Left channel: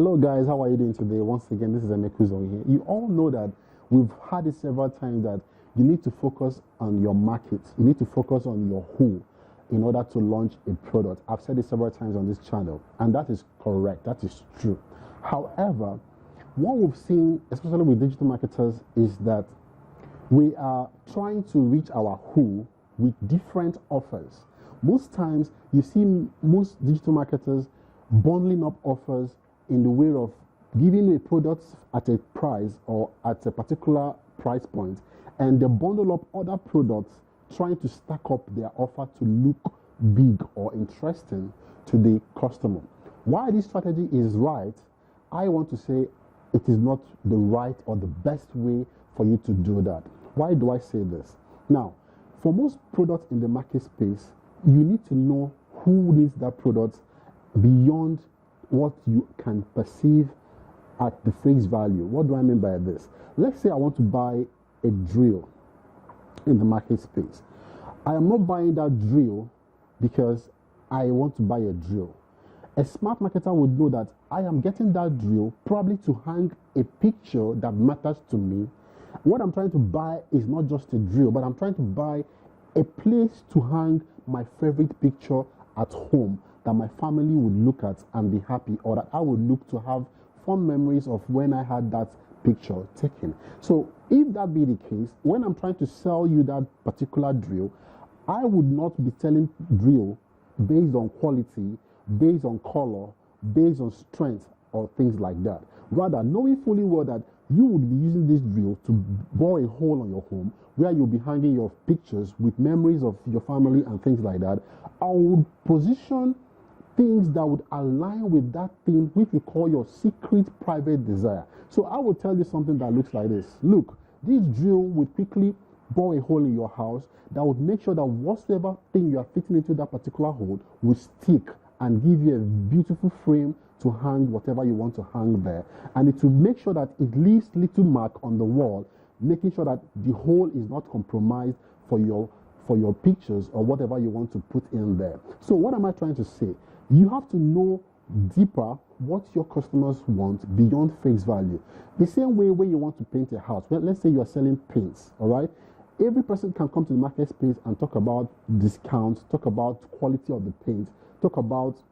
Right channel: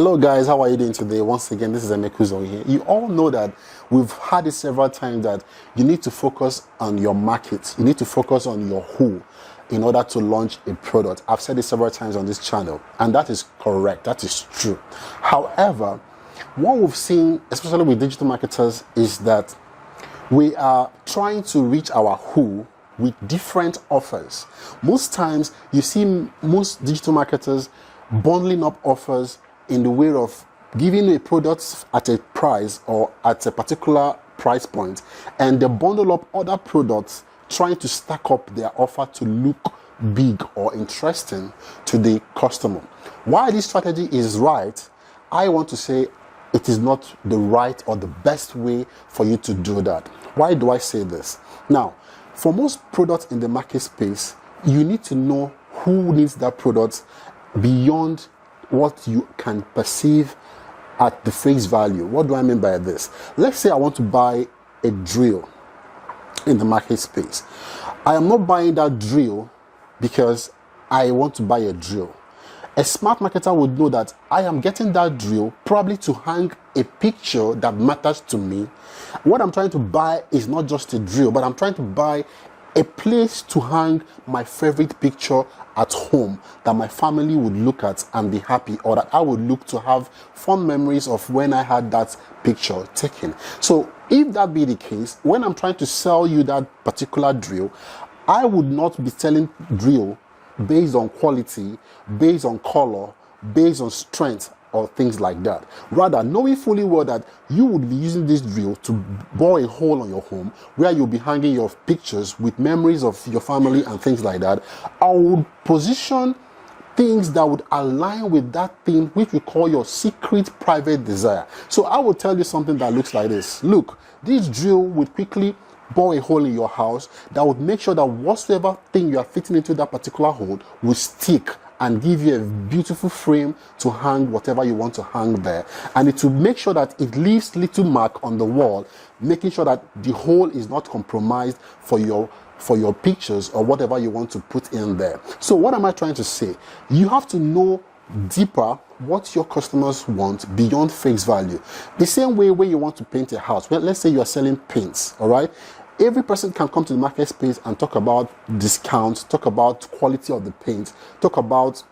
Hello guys, how are you doing today? Once again, this is Emekuzo here. You all know that we've had it several times that you need to focus on your market. You need to focus on your who in order to launch a product. I've said it several times on this channel, and that is correct. That is true. However, what we've seen, especially with digital marketers, is that we are trying to reach our who with different offers. Most times, you see most digital marketers bundling up offers in the way of giving a product at a price or at a particular price point, and they bundle up other products trying to stack up their offer to look big or interesting to the customer. Why this strategy is right, I want to say it is not the right or the best way for you to do that. Why do I say this? Now, for most products in the market space, you need to know who needs that product beyond what you can perceive at the face value. What do I mean by this? Let's say I want to buy a drill in the market space. I am not buying that drill because I want to buy a drill. A smart marketer would know that I am getting that drill probably to hang a picture that matters to me. What I'm trying to buy is not just a drill, but I'm trying to buy a place to hang my favorite picture at home that my family would look at and be happy, or that I would look to have fond memories of when I had that picture taken. So if that be the case, when I'm trying to sell you that particular drill, I would not be selling drill based on quality, based on color, based on strength, or things like that. Rather, knowing fully well that you would be using this drill to bore a hole on your home where you'll be hanging your pictures with memories of your family and things like that, I would position things that would align with that thing which we call your secret private desire. So I will tell you something that looks like this. Look, this drill would quickly bore a hole in your house that would make sure that whatsoever thing you are fitting into that particular hole will stick and give you a beautiful frame to hang whatever you want to hang there. And it will make sure that it leaves little mark on the wall, making sure that the hole is not compromised for your pictures or whatever you want to put in there. So what am I trying to say? You have to know deeper what your customers want beyond face value. The same way when you want to paint a house. Well, let's say you are selling paints, all right? Every person can come to the market space and talk about discounts, talk about quality of the paint, talk about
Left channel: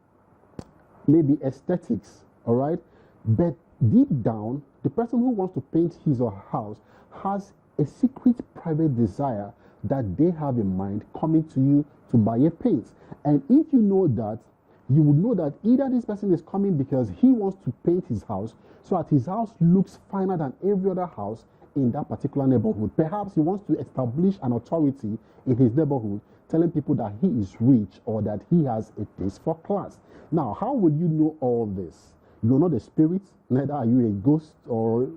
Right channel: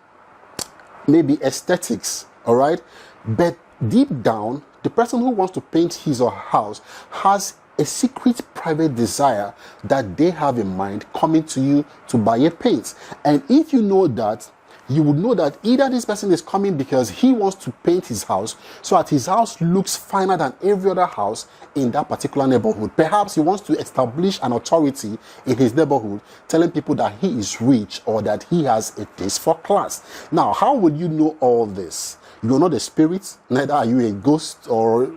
maybe aesthetics, all right? But deep down, the person who wants to paint his or her house has a secret private desire that they have in mind coming to you to buy a paint. And if you know that, you would know that either this person is coming because he wants to paint his house so that his house looks finer than every other house in that particular neighborhood. Perhaps he wants to establish an authority in his neighborhood, telling people that he is rich or that he has a taste for class. Now, how would you know all this? You are not a spirit, neither are you a ghost or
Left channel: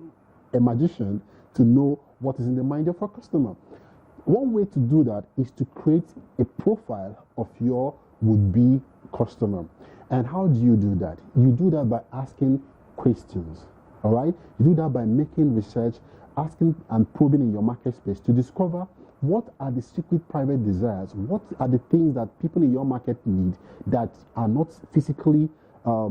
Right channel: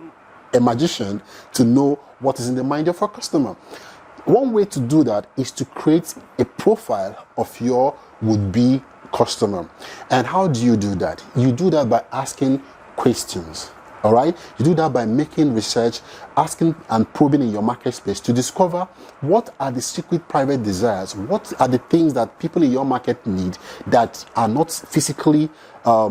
a magician to know what is in the mind of a customer. One way to do that is to create a profile of your would-be customer. And how do you do that? You do that by asking questions. All right, you do that by making research, asking and probing in your market space to discover what are the secret private desires, what are the things that people in your market need that are not physically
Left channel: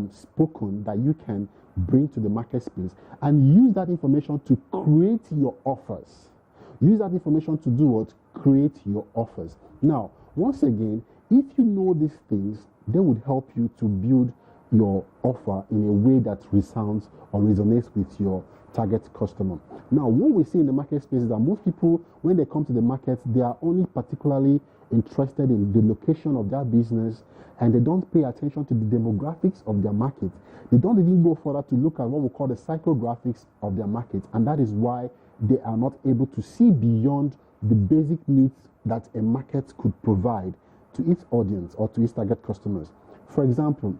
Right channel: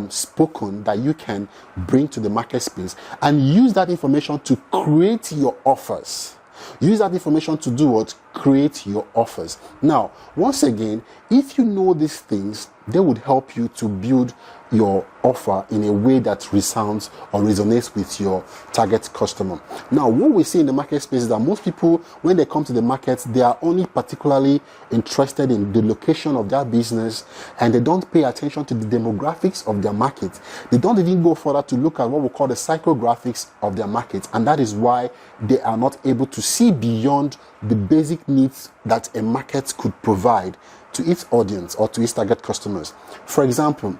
spoken, that you can bring to the market space, and use that information to create your offers. Use that information to do what? Create your offers. Now, once again, if you know these things, they would help you to build your offer in a way that resounds or resonates with your target customer. Now, what we see in the market space is that most people, when they come to the market, they are only particularly interested in the location of their business, and they don't pay attention to the demographics of their market. They don't even go further to look at what we call the psychographics of their market, and that is why they are not able to see beyond the basic needs that a market could provide to its audience or to its target customers. For example,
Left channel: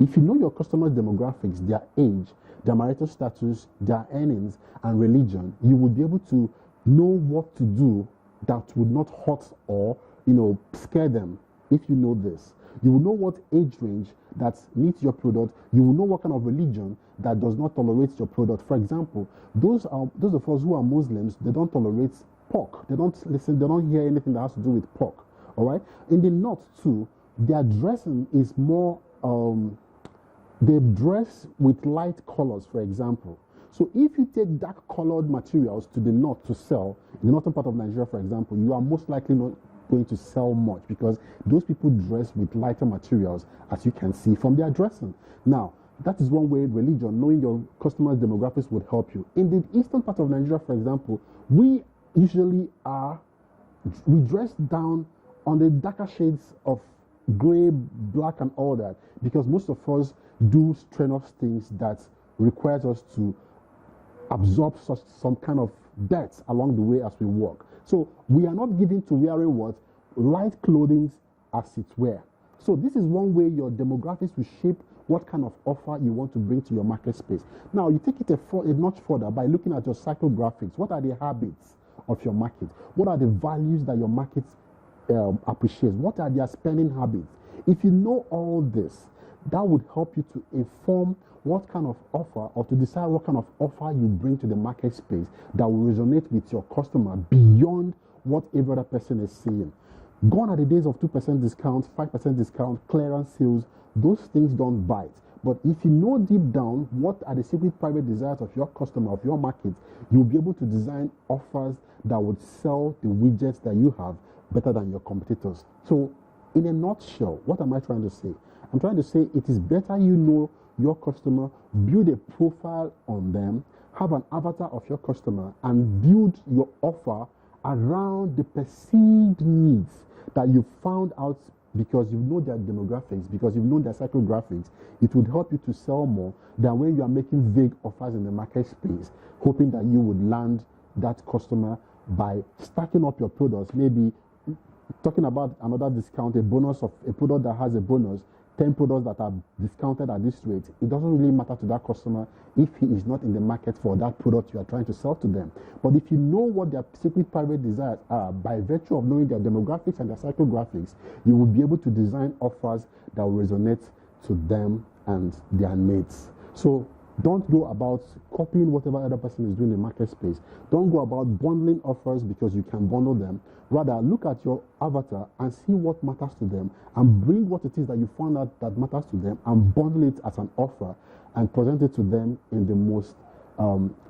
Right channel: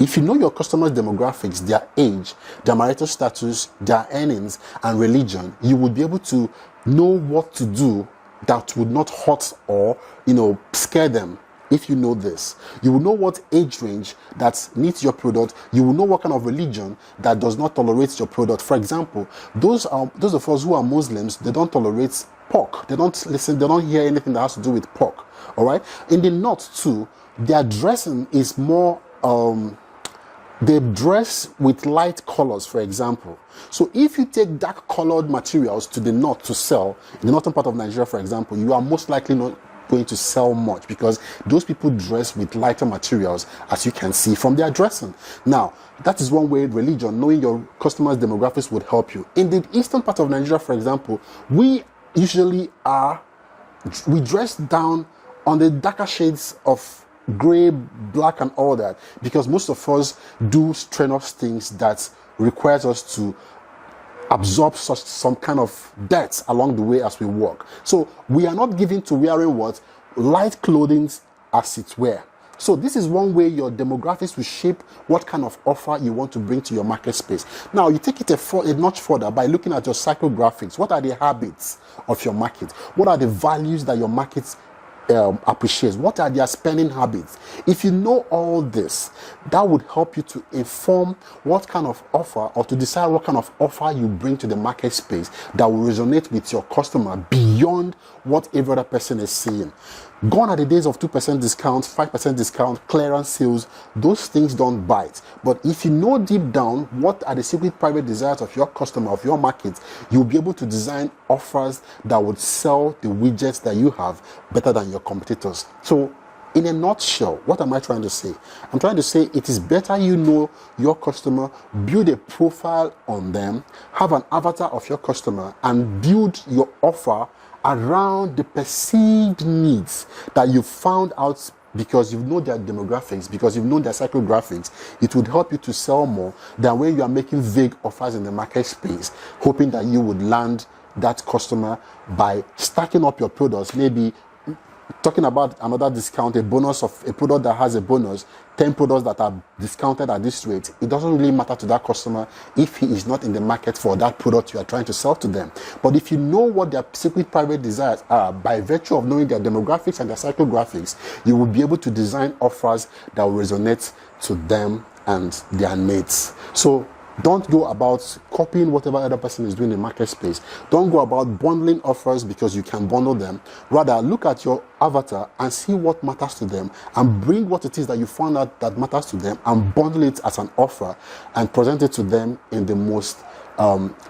if you know your customers' demographics, their age, their marital status, their earnings, and religion, you would be able to know what to do that would not hurt or, scare them. If you know this, you will know what age range that needs your product. You will know what kind of religion that does not tolerate your product. For example, those of us who are Muslims, they don't tolerate pork. They don't listen. They don't hear anything that has to do with pork. All right. In the north too, their dressing is more They dress with light colors, for example. So if you take dark colored materials to the north to sell, in the northern part of Nigeria, for example, you are most likely not going to sell much because those people dress with lighter materials, as you can see from their dressing. Now, that is one way religion, knowing your customers' demographics, would help you. In the eastern part of Nigeria, for example, we dress down on the darker shades of gray, black, and all that, because most of us do strenuous things that requires us to absorb some kind of dirt along the way as we walk. So we are not given to wearing what? Light clothing as it were. So this is one way your demographics will shape what kind of offer you want to bring to your market space. Now you take it a notch further by looking at your psychographics. What are the habits of your market? What are the values that your market appreciates? What are their spending habits? If you know all this, that would help you to inform what kind of offer, or to decide what kind of offer you bring to the market space that will resonate with your customer beyond what every other person is seeing. Gone are the days of 2% discount, 5% discount, clearance sales. Those things don't bite. But if you know deep down what are the secret private desires of your customer, of your market, you'll be able to design offers that would sell the widgets that you have better than your competitors. So in a nutshell, what am I trying to say? I'm trying to say it is better you know your customer, build a profile on them, have an avatar of your customer, and build your offer around the perceived needs that you found out, because you know their demographics, because you know their psychographics. It would help you to sell more than when you are making vague offers in the market space, hoping that you would land that customer by stacking up your products, maybe talking about another discount, a bonus of a product that has a bonus, 10 products that are discounted at this rate. It doesn't really matter to that customer if he is not in the market for that product you are trying to sell to them. But if you know what their secret private desires are, by virtue of knowing their demographics and their psychographics, you will be able to design offers that will resonate to them and their needs. So don't go about copying whatever other person is doing in the market space. Don't go about bundling offers because you can bundle them. Rather, look at your avatar and see what matters to them, and bring what it is that you found out that matters to them and bundle it as an offer and present it to them in the most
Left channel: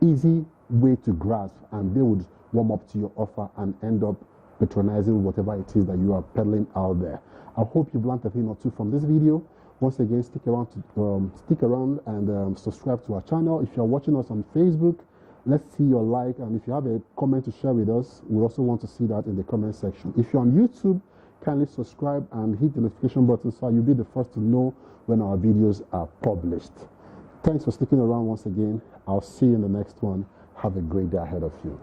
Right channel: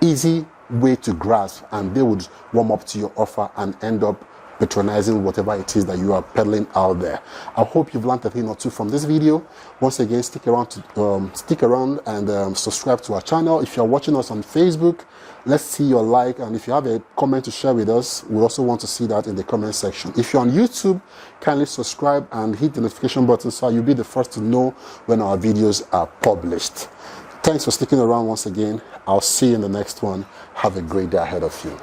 easy way to grasp, and they would warm up to your offer and end up patronizing whatever it is that you are peddling out there. I hope you've learned a thing or two from this video. Once again, stick around and subscribe to our channel. If you're watching us on Facebook, let's see your like, and if you have a comment to share with us, we also want to see that in the comment section. If you're on YouTube, kindly subscribe and hit the notification button so you'll be the first to know when our videos are published. Thanks for sticking around once again. I'll see you in the next one. Have a great day ahead of you.